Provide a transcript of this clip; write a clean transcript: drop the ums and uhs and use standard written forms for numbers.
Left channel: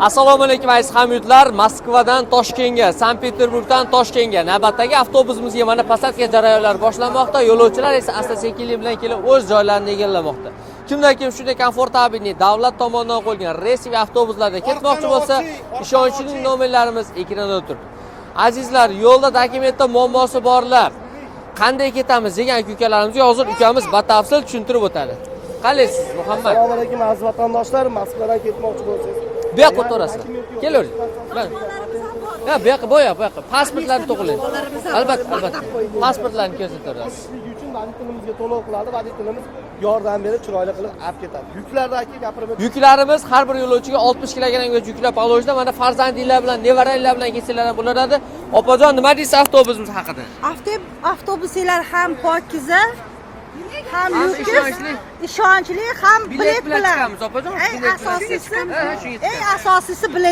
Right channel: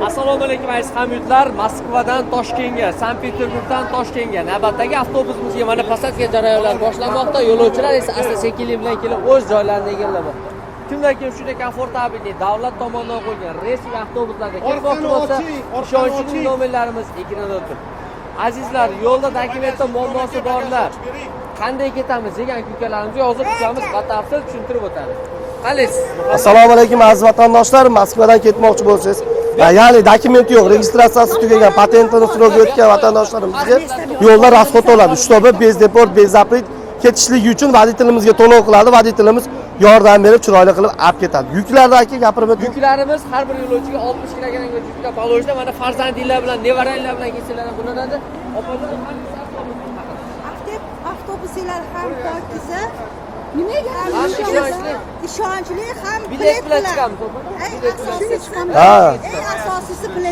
Assalomu alaykum aziz hamyurtlar. Moskvadan Toshkentga, Sankt-Peterburgdan Toshkentga navbatdagi avtobusimizga mana posадка jarayonlari boshlanmoqda. Yo'lovchilar esa asta-sekinlik bilan kelib o'z joylarini egallamoqda. Kimdan kim shunday komfortabilni davlat tomonidan qo'yilgan reysiy avtobuslarda ketmoqchi bo'lsa, ishonchli nomerlarimiz ekranda turibdi. Azizlar, yo'lda dokumentda muammosi borlar. Qanday ketamiz degan ukalarimizga hozir ukamiz batafsil tushuntirib o'tadi. Qalaysiz? Assalomu alaykum aziz vatandoshlar. Moskvadan ketmoqchi bo'lsangiz, ya'ni dokument yo'q, registratsiyasi tugagan, patentini so'rab o'tgan vatandoshlarımizga yo'lda расход oladi. Shtobi bezdeport, bezaplik ketishligi uchun voditelimizga to'lov qiladi. Voditelimiz yordam berib, chiroyli qilib olib ketadi. Yuklardagi gapirib o'ting. Yuklarimiz har bir yo'lovchiga 60 kilogramgacha yuklab olishda mana farzandinglar bilan, nevaranglar bilan kelsanglar ham bo'laradi. Opajon, nima deysiz avtobusimiz haqida? Avtobuslar ham pokiza, ham ishonchli, ham bilet bilan chiqamiz opajon. Eng asosiysi bilet.